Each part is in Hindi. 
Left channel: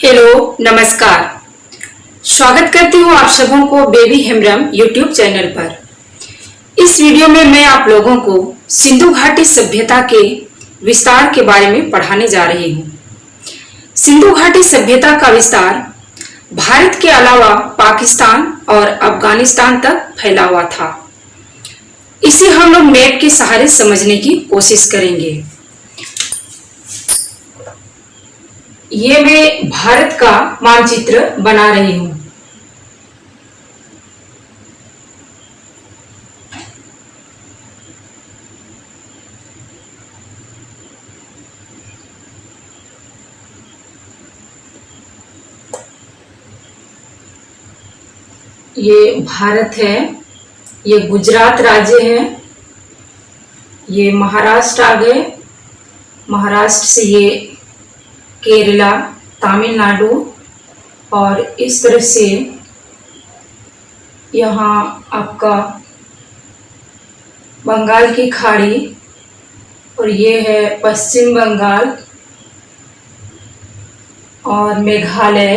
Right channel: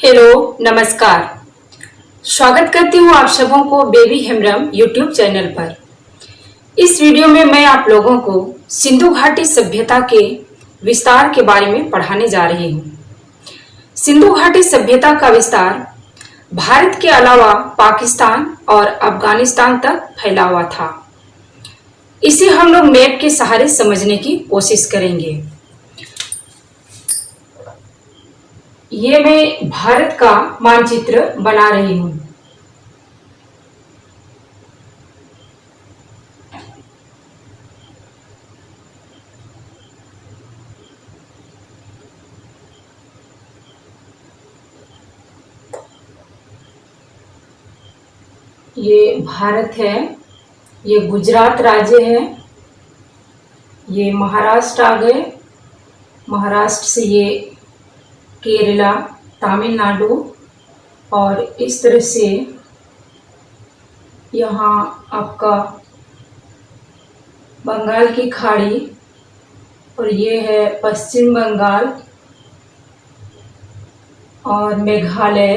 हेलो नमस्कार। स्वागत करती हूँ आप सबों को बेबी हेम्ब्रम यूट्यूब चैनल पर। इस वीडियो में मैं आप लोगों को सिंधु घाटी सभ्यता के विस्तार के बारे में पढ़ाने जा रही हूँ। सिंधु घाटी सभ्यता का विस्तार भारत के अलावा पाकिस्तान और अफगानिस्तान तक फैला हुआ था। इसे हम लोग मैप के सहारे समझने की कोशिश करेंगे। ये मैं भारत का मानचित्र बना रही हूँ। ये भारत है, ये गुजरात राज्य है, ये महाराष्ट्र आ गए, महाराष्ट्र से ये केरला, तमिलनाडु और इस तरह से यहाँ आपका बंगाल की खाड़ी और ये है पश्चिम बंगाल और मेघालय,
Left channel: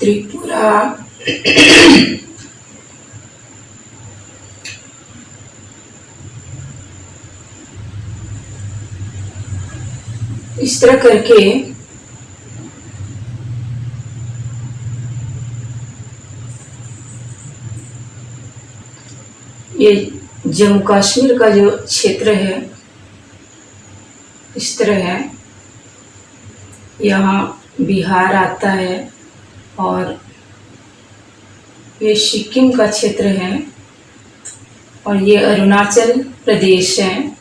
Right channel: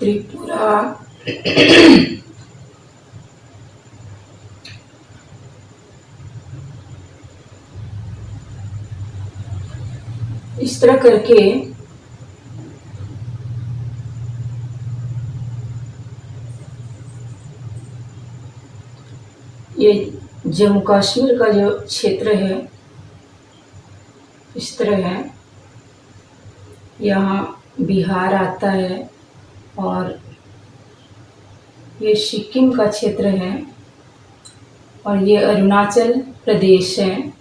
त्रिपुरा इस तरह करके ये जम्मू कश्मीर का जो क्षेत्र है इस तरह है। यहाँ बिहार आता है और ये सिक्किम का क्षेत्र है और ये अरुणाचल प्रदेश है।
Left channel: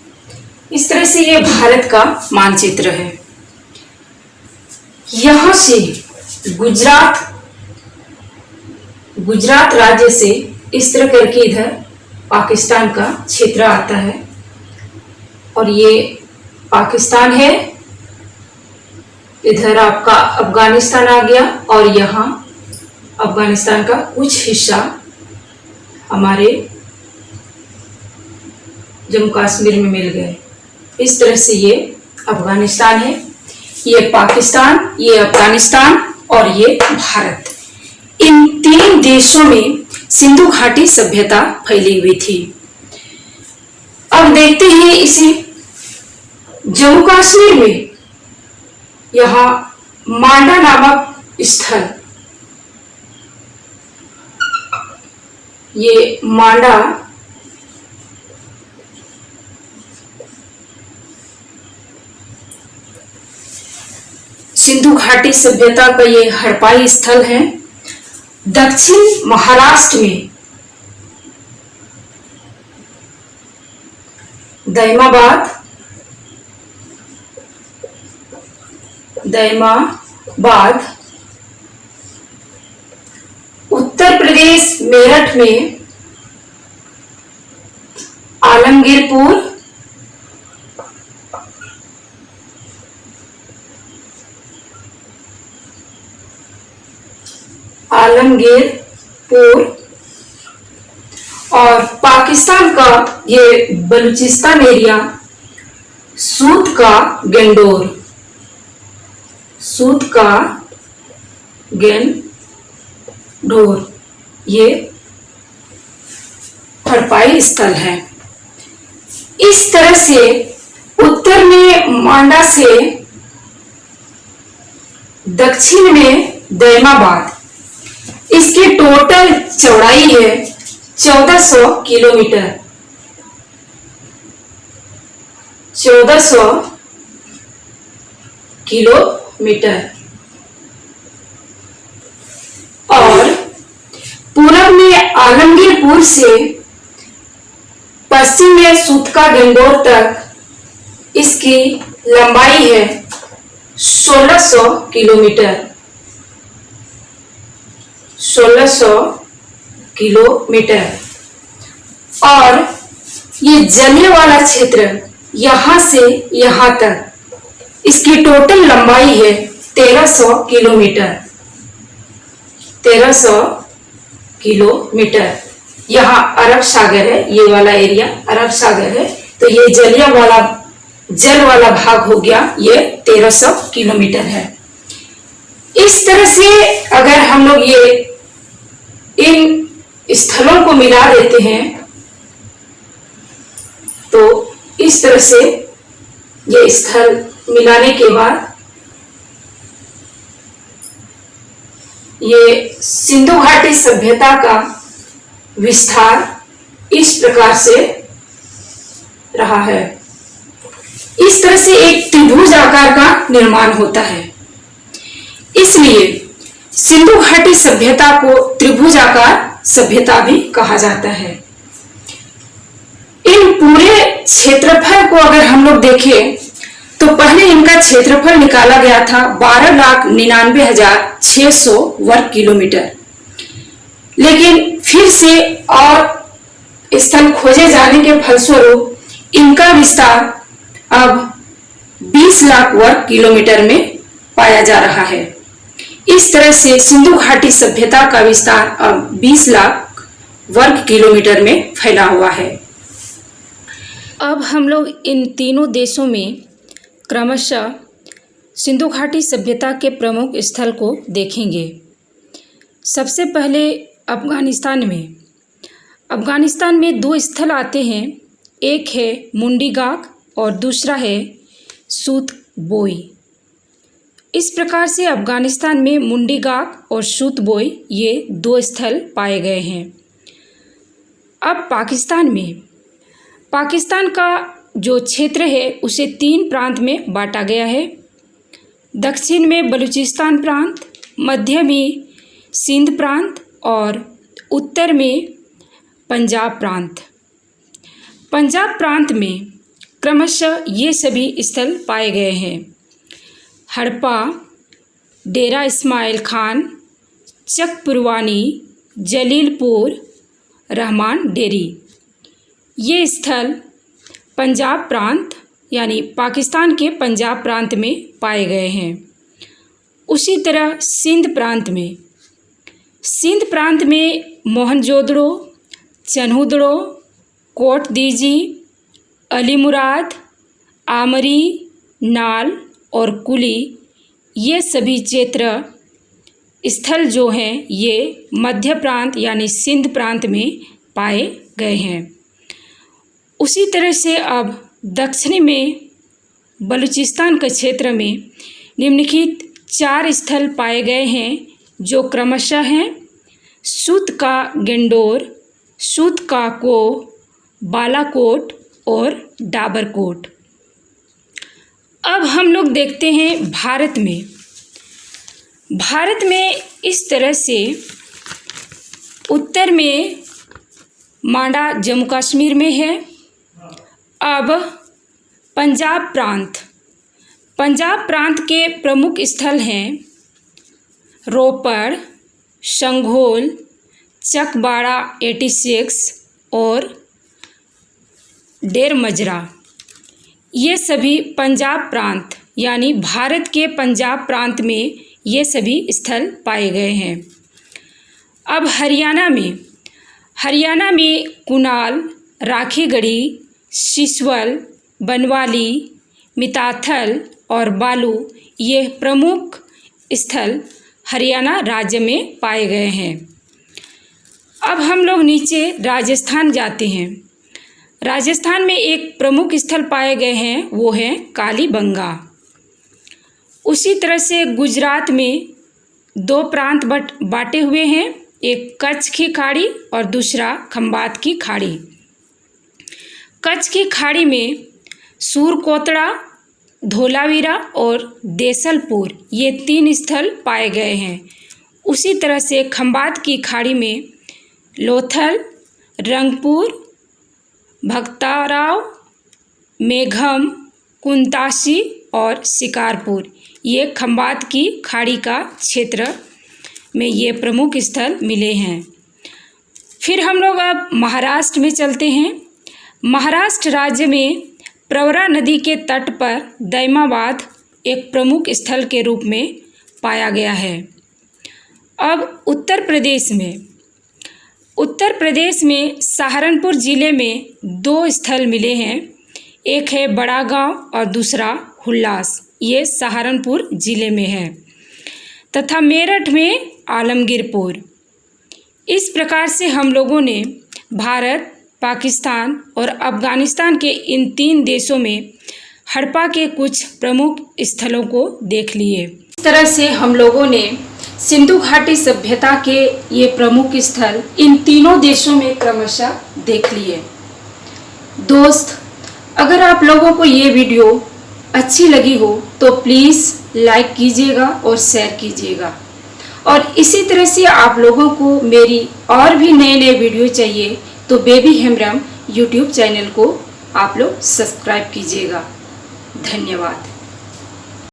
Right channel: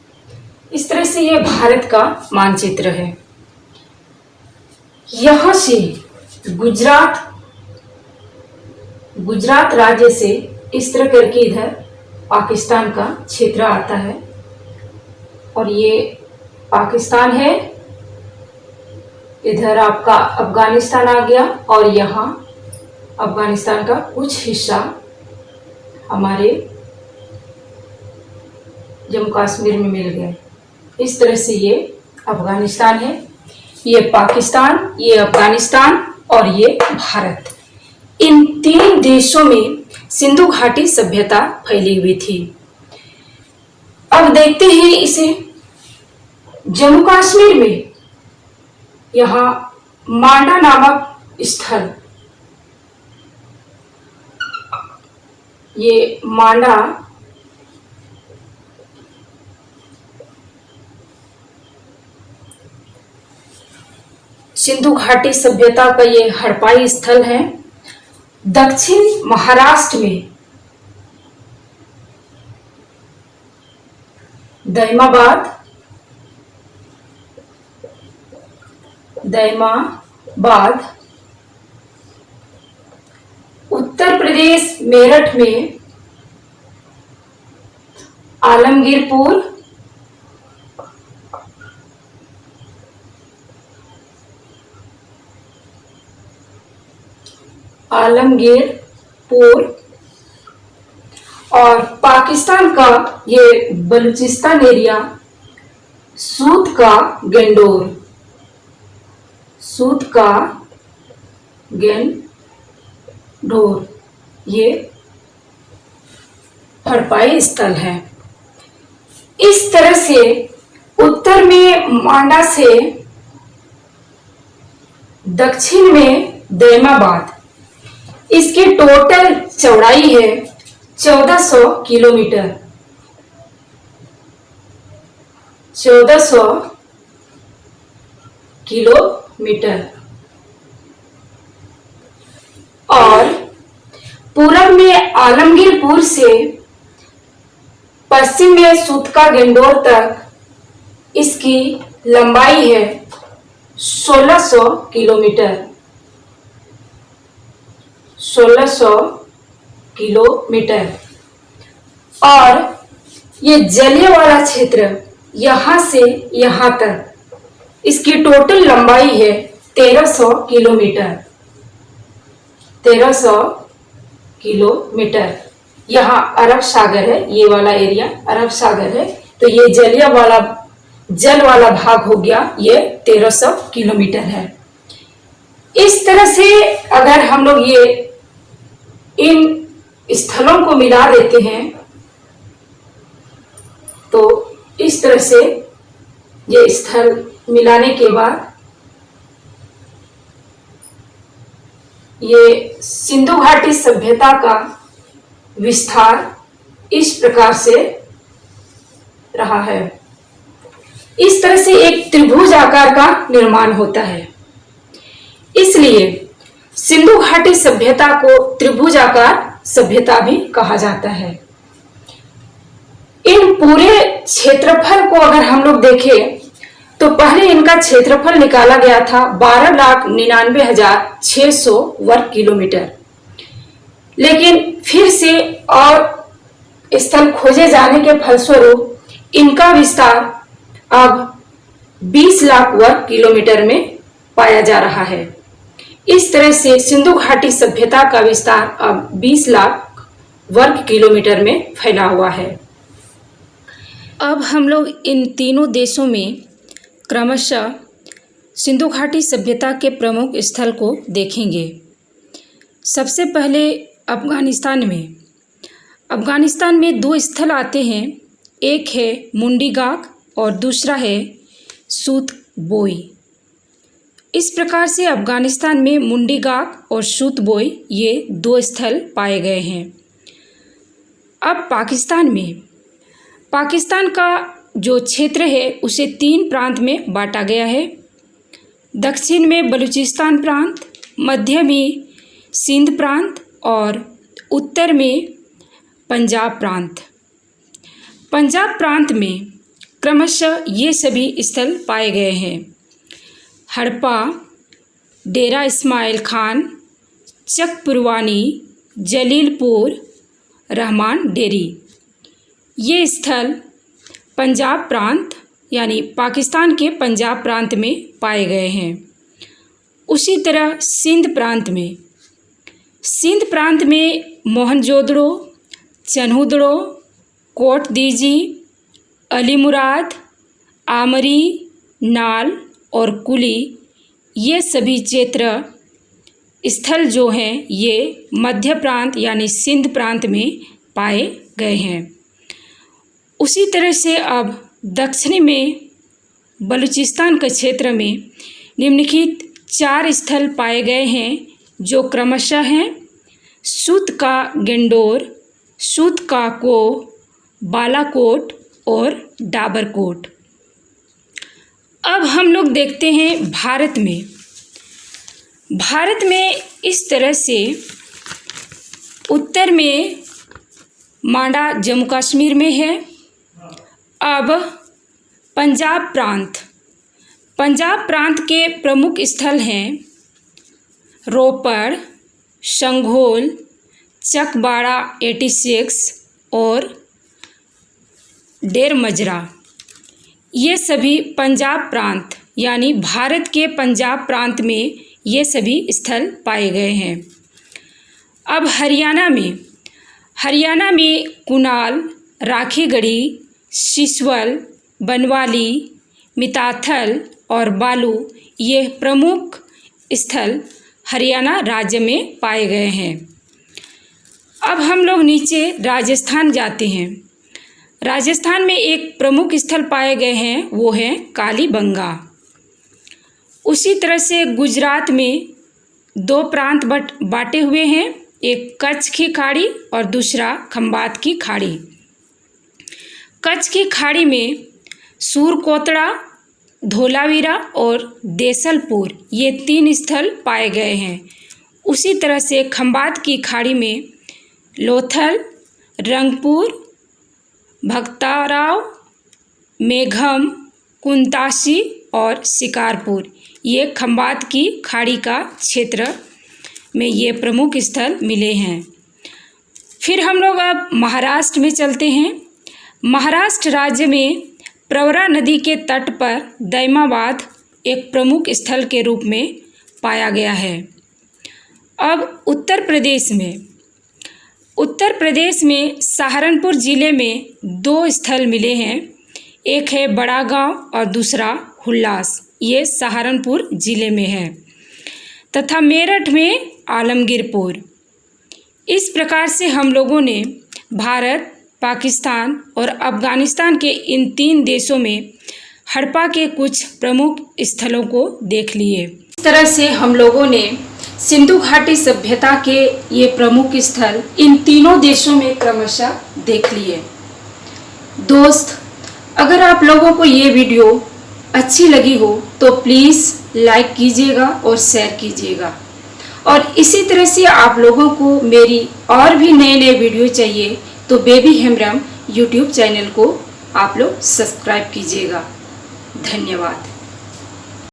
इस तरह से ये भारत का मानचित्र है। यहाँ से गुजरात राज्य से इस तरह करके इधर पाकिस्तान का क्षेत्र आता है और ये पाकिस्तान है। इधर आपका अफगानिस्तान आ गया और यहाँ अफगानिस्तान का कुछ हिस्सा हमारे जम्मू कश्मीर में मिल गए। इस तरह से ये अफगानिस्तान है, ये पाकिस्तान, ये अफगानिस्तान और ये भारत। इन तीन देशों में सिंधु घाटी सभ्यता फैली हुई थी। अब देखते हैं इसे जम्मू कश्मीर में। यहाँ मांडा नामक स्थल, ये मांडा सिंधु घाटी सभ्यता का ये हड़पाई स्थल है। दक्षिण महाराष्ट्र में दैमाबाद, उत्तर प्रदेश मेरठ में आलमगीरपुर, और पाकिस्तान का ये बलूचिस्तान एरिया सूत का गेंडोर ये हड़पाई स्थल है। इस तरह से उत्तर में मांडा से दक्षिण में दैमाबाद, इसकी टोटल चौड़ाई है 1400 किलोमीटर। 1400 किलोमीटर और पूरब में आलमगीरपुर से पश्चिम में सूतका गेंडोर तक इसकी लंबाई है 1600 किलोमीटर। 1600 किलोमीटर और ये जलियांवाला क्षेत्र यहां से यहां तक इसकी टोटल लंबाई है 1300 किलोमीटर। 1300 किलोमीटर। यहाँ अरब सागर है, ये वाला एरिया अरब सागर है, तो ये जल वाला भाग हो गया, ये 1300 किलोमीटर है। इस तरह से अगर हम लोग ये इन स्थलों को मिला देते हैं तो इस तरह से ये स्थल मिलाने के बाद ये सिंधु घाटी सभ्यता का विस्तार इस प्रकार से रहा है। इस तरह से एक त्रिभुज आकार का निर्माण होता है, इसलिए सिंधु घाटी सभ्यता को त्रिभुज आकार सभ्यता भी कहा जाता है। इन पूरे क्षेत्रफल को अगर हम लोग देखें तो पहले इनका क्षेत्रफल निकाला गया था 12,99,600 वर्ग किलोमीटर, लेकिन फिर से और स्थल खोजे जाने के फलस्वरूप इनका विस्तार अब 20 लाख वर्ग किलोमीटर में पाया जा रहा है। इस तरह से सिंधु घाटी सभ्यता का विस्तार अब 20 लाख वर्ग किलोमीटर में फैला हुआ है। अब हम लोग इन तीनों देशों में क्रमशः सिंधु घाटी सभ्यता के प्रमुख स्थल को देखेंगे। सबसे पहले अफगानिस्तान में 2 स्थल आते हैं, एक है मुंडीगाक और दूसरा है सूतबोई। इस प्रकार से अफगानिस्तान में मुंडीगाक और सूतबोई ये 2 स्थल पाए गए हैं। अब पाकिस्तान का जो क्षेत्र है उसे 3 प्रांत में बांटा गया है। दक्षिण में बलूचिस्तान प्रांत, मध्य में सिंध प्रांत और उत्तर में पंजाब प्रांत। पंजाब प्रांत में क्रमशः ये सभी स्थल पाए गए हैं: हड़प्पा, डेरा इस्माइल खान, चक पुरवानी, जलीलपुर, रहमान डेरी। ये स्थल पंजाब प्रांत यानी पाकिस्तान के पंजाब प्रांत में पाए गए हैं। उसी तरह सिंध प्रांत में मोहनजोदड़ो, चन्हुदड़ो, कोट दीजी, अलीमुराद, आमरी, नाल और कुली, ये सभी क्षेत्र स्थल जो हैं ये मध्य प्रांत यानी सिंध प्रांत में पाए गए हैं। उसी तरह से अब दक्षिणी में बलूचिस्तान के क्षेत्र में निम्नलिखित 4 स्थल पाए गए हैं जो क्रमशः हैं सूत का गेंडोर, सूत का को, बालाकोट और डाबरकोट। अब हम लोग देखते हैं भारत में इस तरह से उत्तर में मांडा जम्मू कश्मीर में है। अब पंजाब प्रांत के प्रमुख स्थल हैं रोपड़, शंघोल, चकबाड़ा 86 और डेर मजरा। ये सभी पंजाब प्रांत यानी भारत के पंजाब प्रांत में ये सभी स्थल पाए गए हैं। अब हरियाणा में कुनाल, राखीगढ़ी, सिसवल, बनवाली, मिताथल और बालू ये प्रमुख स्थल हरियाणा राज्य में पाए गए हैं। अब हम लोग नीचे राजस्थान जाते हैं। राजस्थान में एक प्रमुख स्थल पाए गए हैं, वो है कालीबंगा। उसी तरह से गुजरात में 2 प्रांत बांटे हुए हैं, एक कच्छ की खाड़ी और दूसरा खंबात की खाड़ी। कच्छ की खाड़ी में सूरकोतड़ा, धोलावीरा और देसलपुर ये 3 स्थल पाए गए हैं। उसी तरह से खंबात की खाड़ी में लोथल, रंगपुर, भक्ताराव, मेघम, कुंतासी और शिकारपुर ये खंबात की खाड़ी का क्षेत्र में ये प्रमुख स्थल मिले हैं। फिर हम लोग अब महाराष्ट्र में चलते हैं। महाराष्ट्र राज्य में प्रवरा नदी के तट पर दैमाबाद एक प्रमुख स्थल के रूप में पाया गया है। अब उत्तर प्रदेश में सहारनपुर ज़िले में 2 स्थल मिले हैं, एक है बड़ा गांव और दूसरा हुल्लास, ये सहारनपुर ज़िले में है। तथा मेरठ में आलमगीरपुर। इस प्रकार से हम लोगों ने भारत, पाकिस्तान और अफ़गानिस्तान के इन 3 देशों में हड़प्पा के कुछ प्रमुख स्थलों को देख लिए। इस तरह से हम लोगों ने सिंधु घाटी सभ्यता के ये प्रमुख स्थल इन तीनों देशों में क्रमशः देख लिए। दोस्त, अगर आप लोगों को ये वीडियो अच्छी लगी हो तो प्लीज़ लाइक कीजिएगा और शेयर कीजिएगा, और इसी तरह से आप लोगों को मेरी और भी नए नए वीडियो चाहिए तो बेबी हेम्ब्रम यूट्यूब चैनल को आप लोग सब्सक्राइब कीजिएगा। धन्यवाद।